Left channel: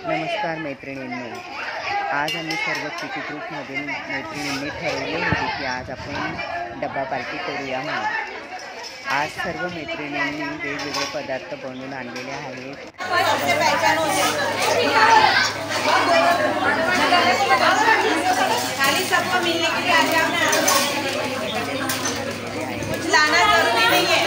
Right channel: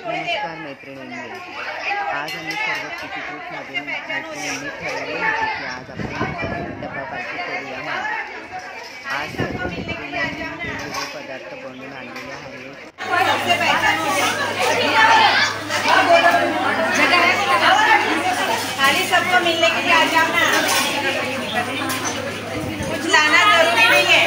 नमस्कार मैत्रिणींनो, आज आम्ही सर्व किटी ग्रुपमधील मैत्रिणींनी ठरवले होते की आज आपण डब्बा पार्टी करूया म्हणून। आज सर्व मैत्रिणींनी वेगवेगळे पदार्थ बनवून आणलेले आहेत। कुछ लाना जरूरी नहीं है।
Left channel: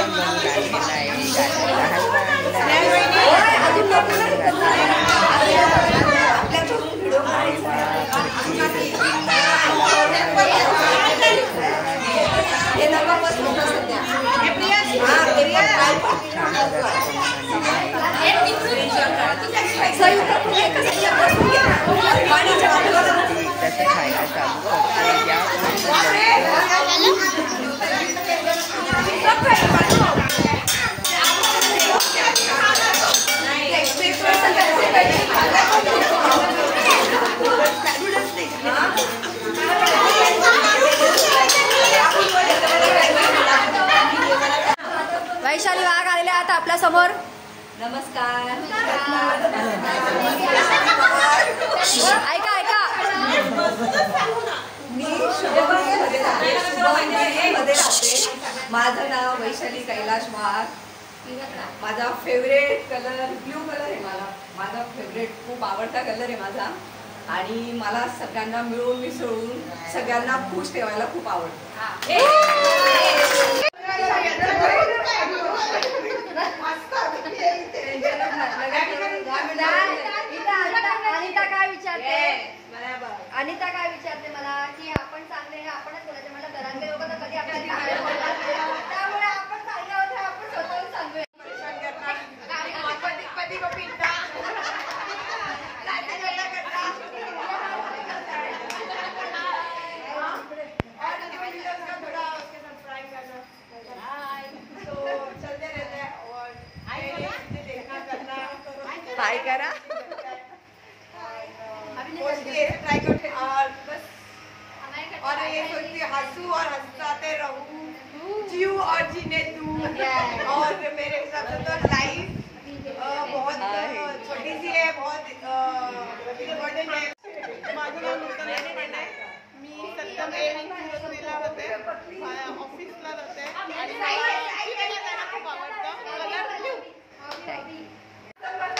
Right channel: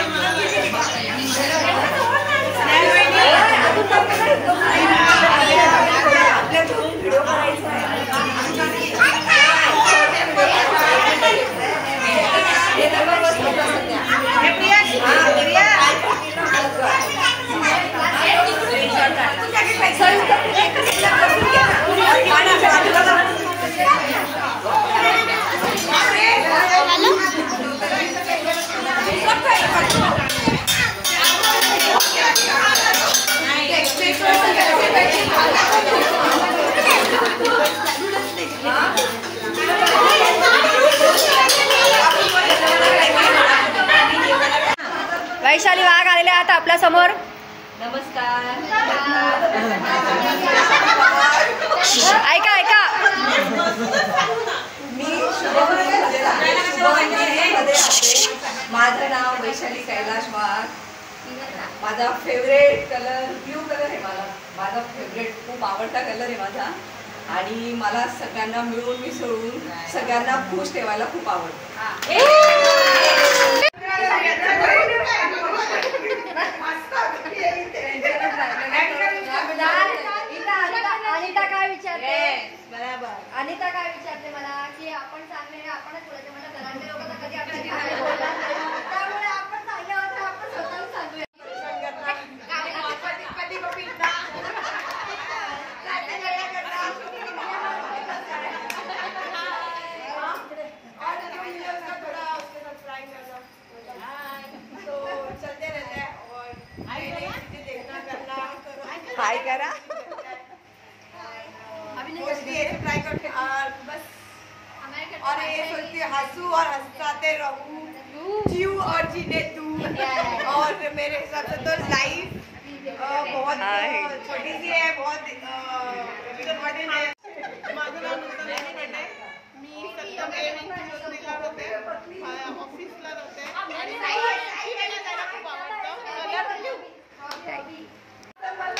वैशाली वाघ आलेले आहेत आपल्या समोर। नमस्कार। ऐका ऐका, माझं नाव वैशाली कैलाश वाघ। माझा फेवरेट कलर ब्ल्यू कलर आहे। माझा फेवरेट खूप आवडता कलर आहे माझा, आणि मला सगळ्यांना मिळून मिसळून सगळ्यांना खुश ठेवायला खूप आवडतं। अनिता काय विचारते मला की आपण चांगले आपणच बोलायचे, मला घरातले लोक तर कधी आपल्याला त्यामुळे आपण चांगले होतो, आपण स्वतःहून सांगूया। हाय करा। ट्राई करते बस, और ये सोचती हंसू और हंसाते रहूं, जीव और जीने तू। और मेरे हिसाब से तो लाइफ बहुत छोटी सी है, बहुत इम्पॉर्टेंट है। माझं नाव नूतन देशपांडे, मी सत्यम एव्हिंगला होते, ऑफिसला होते, आणि मला खूप आवडतं कलर ब्ल्यू।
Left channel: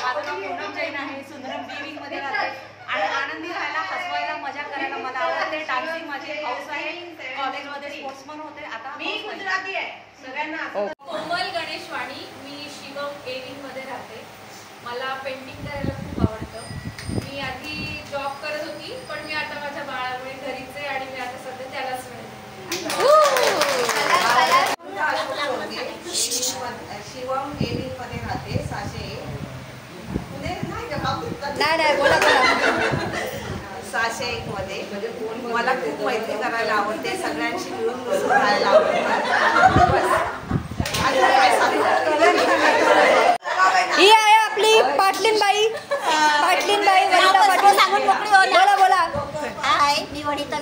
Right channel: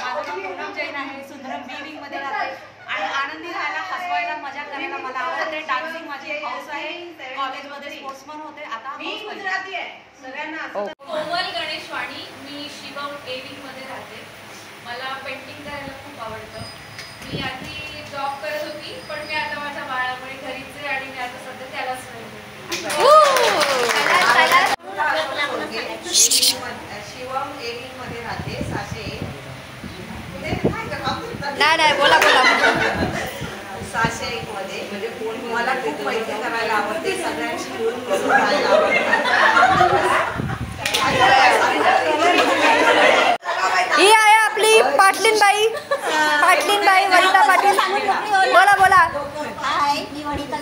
माझं नाव पूनम जैन आहे, सुंदरम विविंग मध्ये राहते आणि आनंदी राहायला, हसवायला, मजा करायला मला आवडते। डान्सिंग माझी हाऊस आहे, कॉलेजमध्ये स्पोर्ट्समन होते, आता मी गुजराती आहे सगळ्यांना। कोमल गणेश वाणी, मी शिवम एविंग मध्ये राहते। मला पेंटिंग करायला खूप आवडतं। मी आधी जॉब करत होती, पण मी आता माझ्या बाळामुळे घरीच आहे आणि मी आता सध्या त्यालाच नाही। शिवम एविंग मध्ये राहते, साशे नाही नाही, बोला बोला। 601 मध्ये म्हणजे मला खूप मैत्री करायला आवडते, सगळ्यांशी मिळून मिसळून राहायला आवडते। ही आहे आपली पाटलीनबाई, वनिता पाटील, बोला बोला। हाय, मी वनिता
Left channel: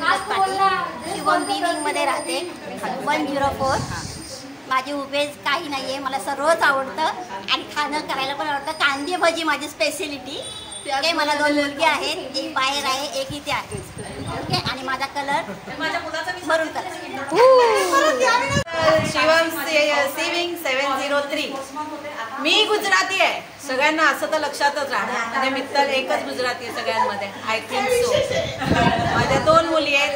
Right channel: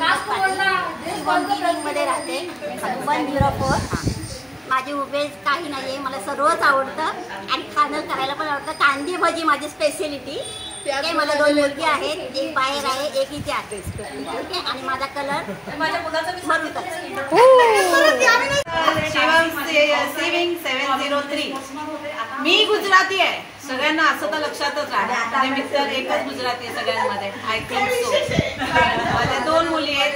मध्ये राहते, 104। माझी उभेच काही नाहीये, मला सर्वच आवडतं आणि खाणं करायला पण आवडतं। कांदे भजी माझी स्पेशलिटी आहे। मला 2 मुलगी आहेत, एक बाहेर आहे, एक इथे आहे, ओके। आणि माझा कलर माझ्या मुलाचा मी मरून कलर। शिवम सेविंग 703। मी गुजराती आहे, सगळ्यांना असं तर लक्षातच राहणार, आणि मित्र एकच गुजराती आहे सगळ्यांमध्ये, आय थिंक सो। माझ्या 2 मुली आहेत,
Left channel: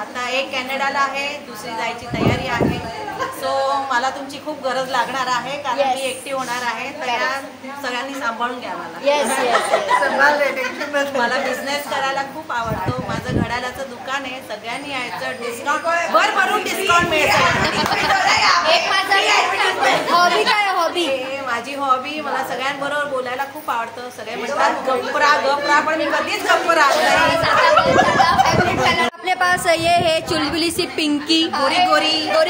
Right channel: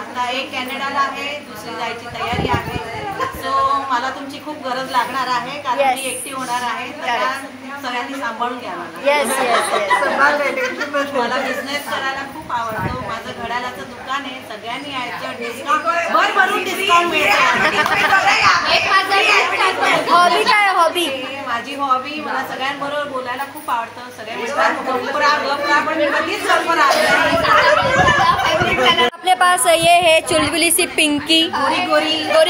आता एक कॅनडाला आहे, दुसरी जायची तयारी आहे। सो मला तुमची खूप गरज लागणार आहे, कारण मी एकटी होणार आहे, सगळ्यांनी सांभाळून घ्या मला। मला बिझनेस करायला खूप आवडतो, माझं घड्याळाचं दुकान आहे, सगळ्यांनी यायचं, डिस्काउंट भरभरून डिस्काउंट मिळेल। हॉबी काय, हॉबी माझी हॉबी, मला सगळ्यांबरोबर बोलायला खूप आवडतं। सगळे म्हणतात गप्परा, पण मी कधीच गप्परा अपने पास ये है चुलबुली सी पिंकी, गोरी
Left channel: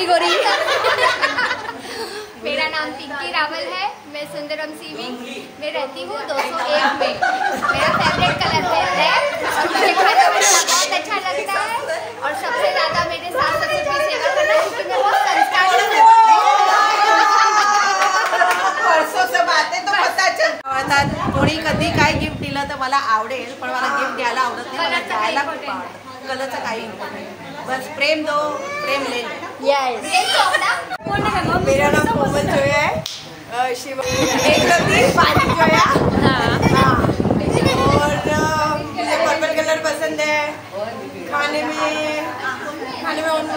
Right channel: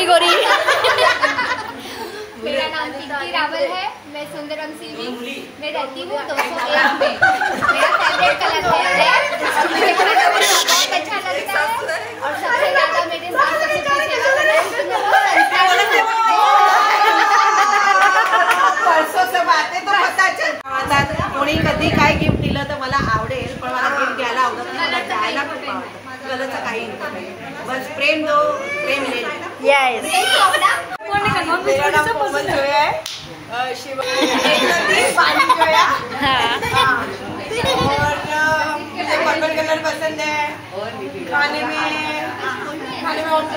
गोरी। मेरा नाम पिंकी रावल है, मैं सुंदरम सीविंग में रहती हूँ 201 में। मेरा फेवरेट कलर है रेड और मुझे बहुत अच्छा लगता है, और सबसे ज्यादा मेरे सास ससुर की सेवा करना, क्योंकि मैं बहुत संस्कार परसों से बातें तो पता चल कोणी कधी काय गिफ्ट दिलं तर मला आवडेल, पण मला गिफ्ट द्यायला आवडत नाही, मला द्यायला खूप आवडतं. कलरचं काही इन्कम नाही, बस प्रेम दो प्रेम ले. मेरा नाम कोमल जोया है, शिव जोया, और मुझे पर्पल कलर पसंद है. खाने में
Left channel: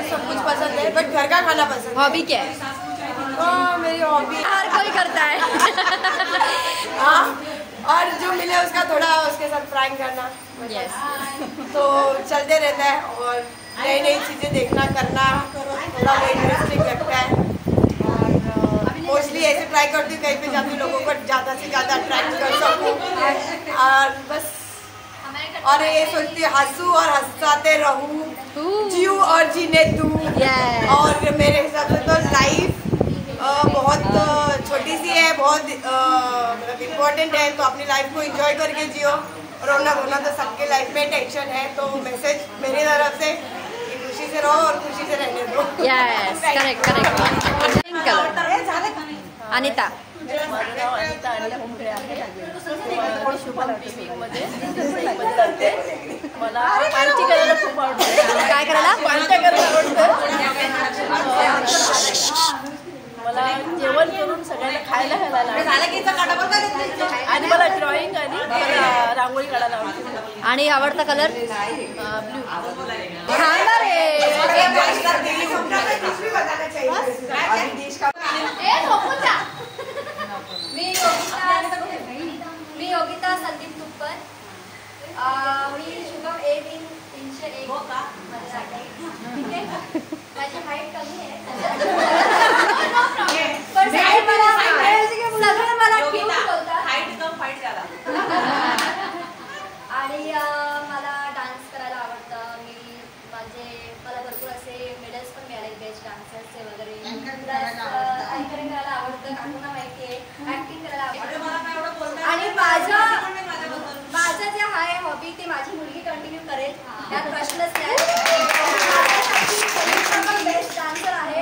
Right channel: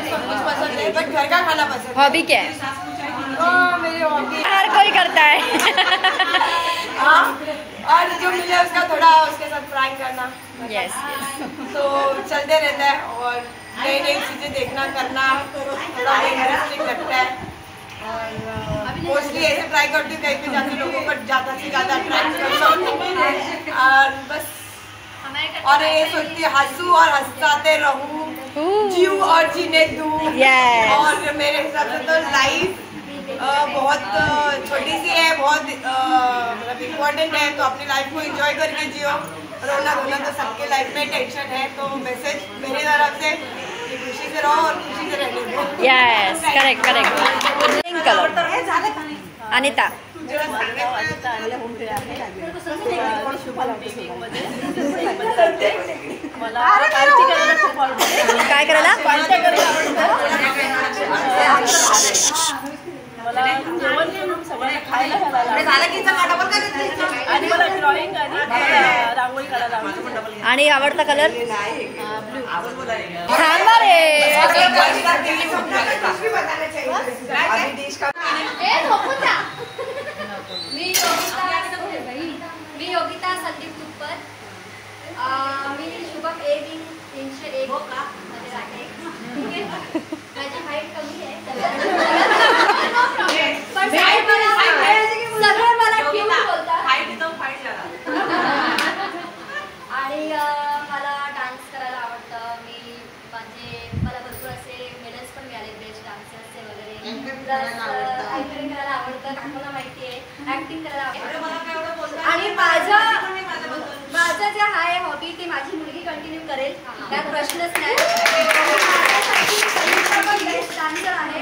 सब कुछ पसंद है, बट घर का खाना पसंद है. हॉबी क्या है? मेरी हॉबी हर कोई करता है. हाँ, और जो मिले उसका थोड़ा उसके साथ प्रैंक करना. यस. तो चलते रहता है, और नई नई चीजें देखना करना थोड़ा इंटरेस्टिंग लगता है. और मोस्टली ऐसे ट्राई करती हूँ कहीं पे जाती लोगों को ज़्यादा से ज़्यादा अट्रैक्ट कर सकूँ, और बस. और ये सोचती हूँ हंसू और हंसाते रहूँ, जीव और जीने दूँ. और मेरे हिसाब से तो लाइफ बहुत छोटी सी है, बहुत मतलब इम्पोर्टेंट है, तो अपनी लाइफ को एंजॉय करके जियो. रोना धोना तो सबके लाइफ में टेंशन है, तो मैसेज मेरी तरफ से खुशी से रहो और खुशी से रहने दो. Yes, correct correct. Pink colour. Anita. काय करायला? मला जेवण करून सगळ्यांना खायला आणि मला ड्रॉइंग आणि रांगोळी काढायला आवडते. आणि आवडता कलर? थांबा रे. मी योगिता संदीप तुप्पर. मी शुभम A-wing 301 मध्ये राहते. ठीक आहे, माझी हाईट कमी आहे, पण सगळे मला क्यूट बोलतात. आणि मला डान्स करायला आवडतं. मला भरपूर असे मेडल्स पण मिळाले बेस्ट डान्सर्सचे वगैरे. प्लस अँकरिंग करायला आवडतं, काकूंना माहिती आहे. ऍक्टिंग करायला आवडतं. आणि माझं जे आहे हॉबी ते माझी मुलगी कंटिन्यू करेल, त्यात प्रश्नच नाही. पण बेस्ट डान्सर आहे,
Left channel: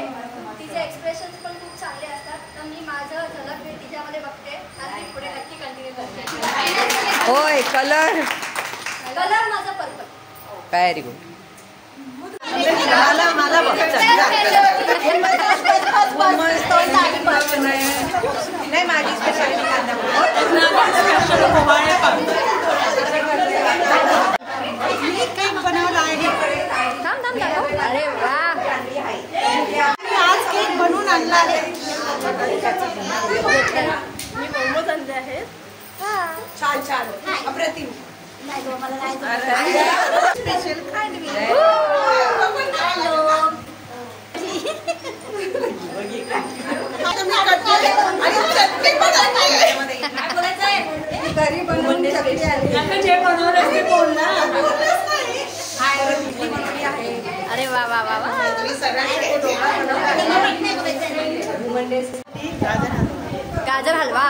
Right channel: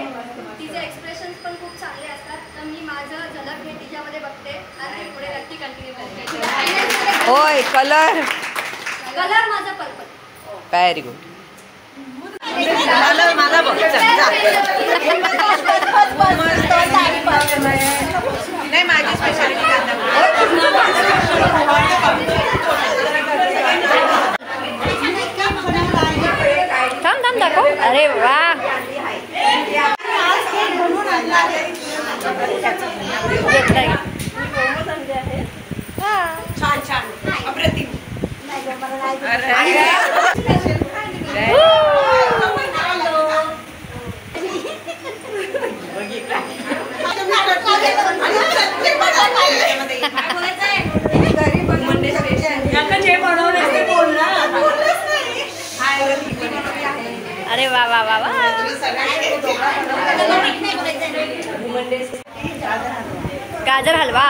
तिचे एक्सप्रेशन्स पण खूप चांगले असतात. तर मी माझं झलक हे तिच्यामध्ये बघते आणि मी पुढे नक्की कंटिन्यू करेन. होय. कलर माझं पर्पल. Very good. मला बघ नाही, माझी स्पेशालिटी थांब दाखव. अरे वा. छान छान अप्रतिम. अरे वा वा वा वा. गाजर हलवा.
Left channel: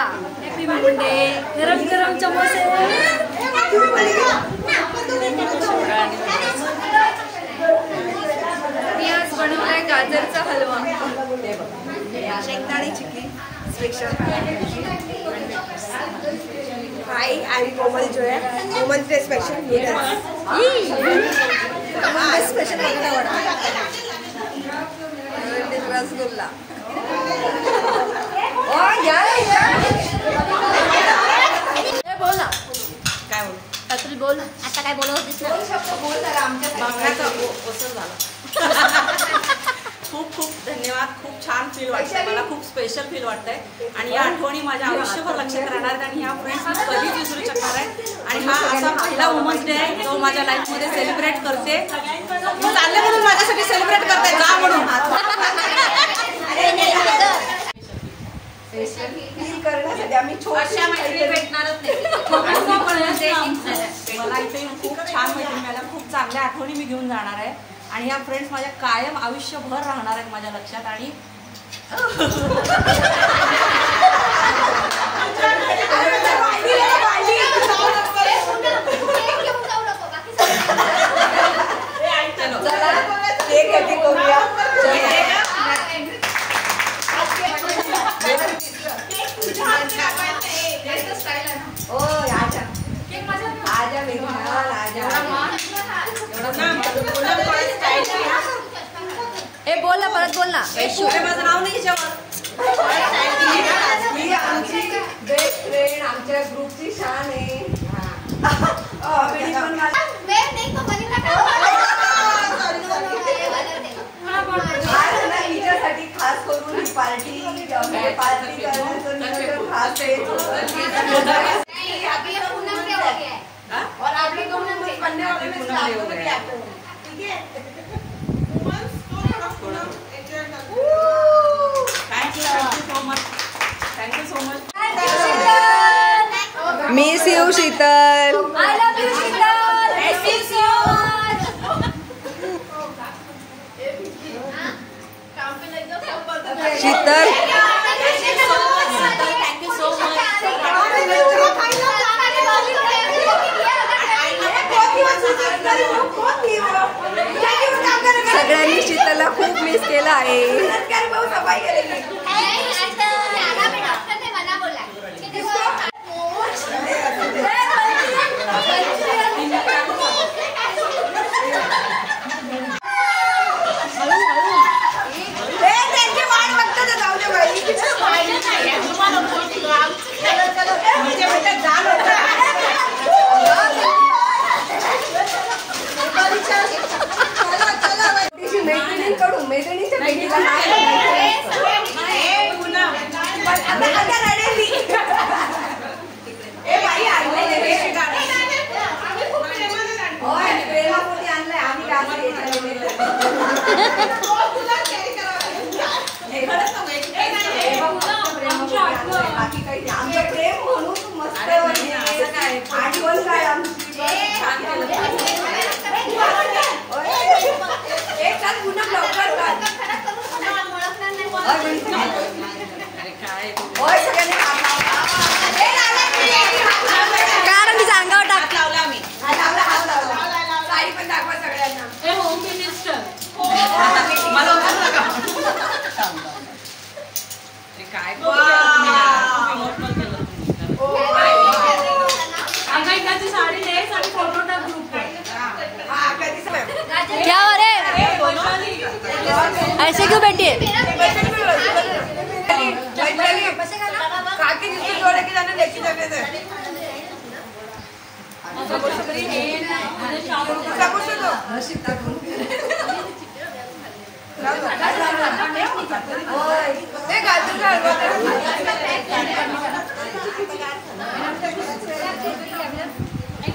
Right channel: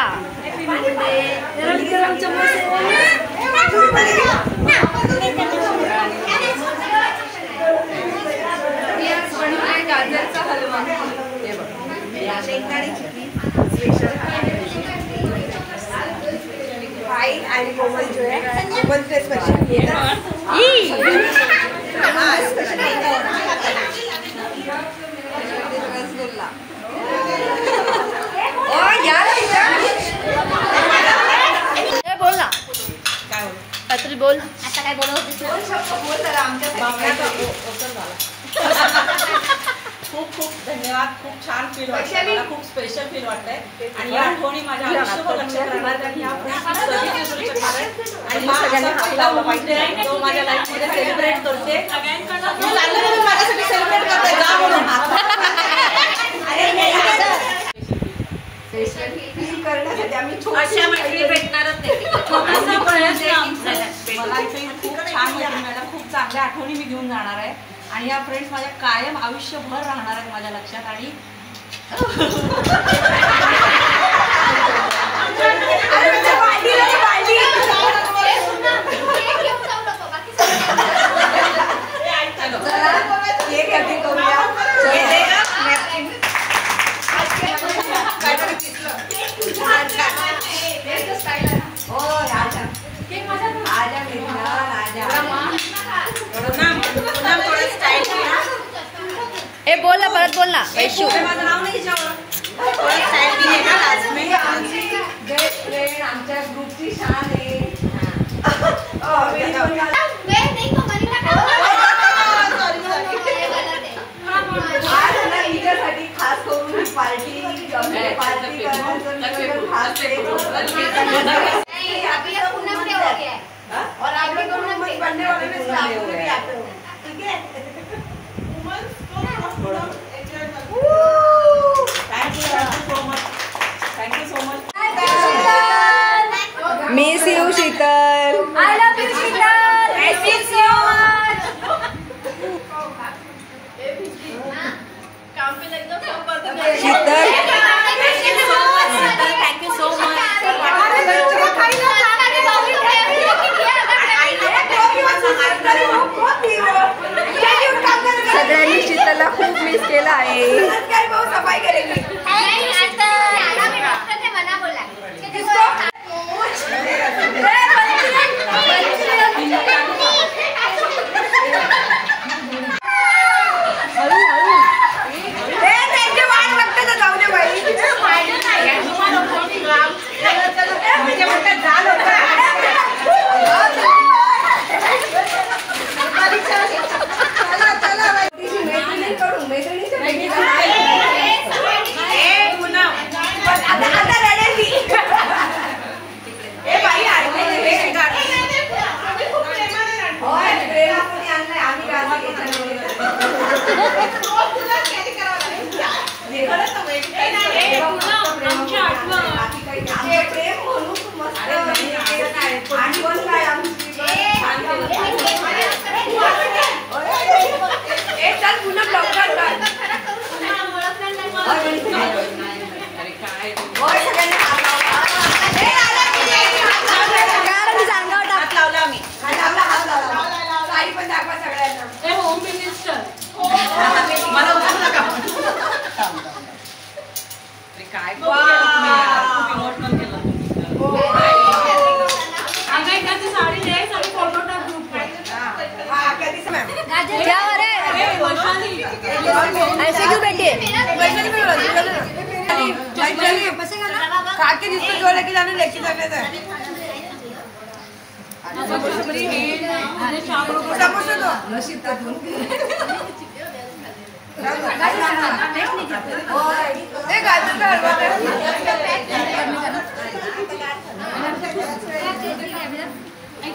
गाजरचा हलवा. हाय, आई कोमल जो है, कोमल से स्पेशल रसगुल्ला. बोल ना. काय बोल? काहीतरी बोल. आता काय बोलत होतीस ना? बोल तर आमच्या खूप खूप धन्यवाद. खूप छान फील वाटतंय मला, खूप स्पेशल फील वाटतंय. आणि या आठवणी माझ्या आयुष्यभर लक्षात राहणार आणि ह्या फ्रेंड्स कधीच विसरू शकणार आहे. आणि हा असा पहिला वुमन्स डे तो माझ्या लाईफमध्ये सेलिब्रेट करते. मी चालले म्हणून माझ्यासाठी सेलिब्रेट करते जा म्हणून. करण्यासाठी आम्ही छोट्या मैत्रिणी भेटणारच मला इथे खूप छान मैत्रिणी मिळाल्या, खूप चांगल्या आठवणी मी घेऊन जाणार आहे. आणि ह्या फ्रेंड्स माझ्या कायम आयुष्यभर राहणार आहेत माझ्या लक्षात. आणि कधी करूया. स्टाईल आहे. ए बोल ना, परत बोल ना वैशू. माझं नाव नाही याच्यावर. मी आमची बेस्ट फ्रेंड आमच्या ग्रुपची शान आहे. हिच्यासाठी खास करून पार्टी पार्टी करण्याचं खास और आप लोग दोनों बनने वाले में स्टार्ट हो गए आप लोग. ठीक है. Thank you so much. Miss you Sheetal. I love you Sheetal. I miss you much. Sheetal thank you so much. सगळ्यांनी शीतलला खूप मिस केलं आहे. मला उचलू नका. काय तुम्ही यार, खूप इमोशनल केलं तुम्ही. साडी दे, साडी फोटो टाक ग्रुप. ऐसे क्यों बैठी है? खाके जिसको जो लेके जाना लेके जाने दे.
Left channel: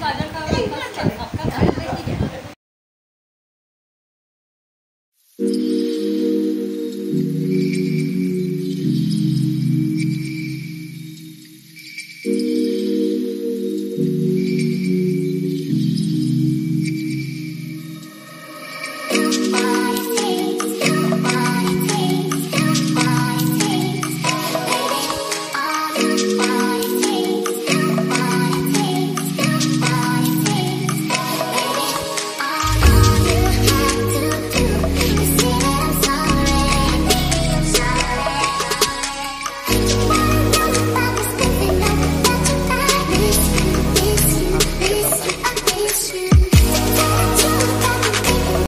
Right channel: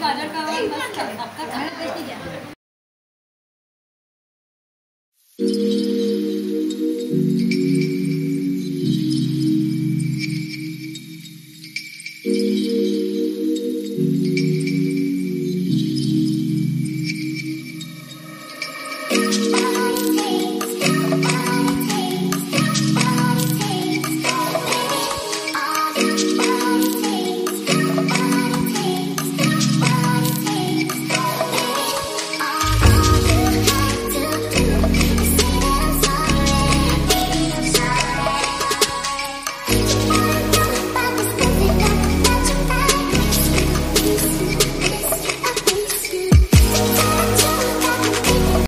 गाजर का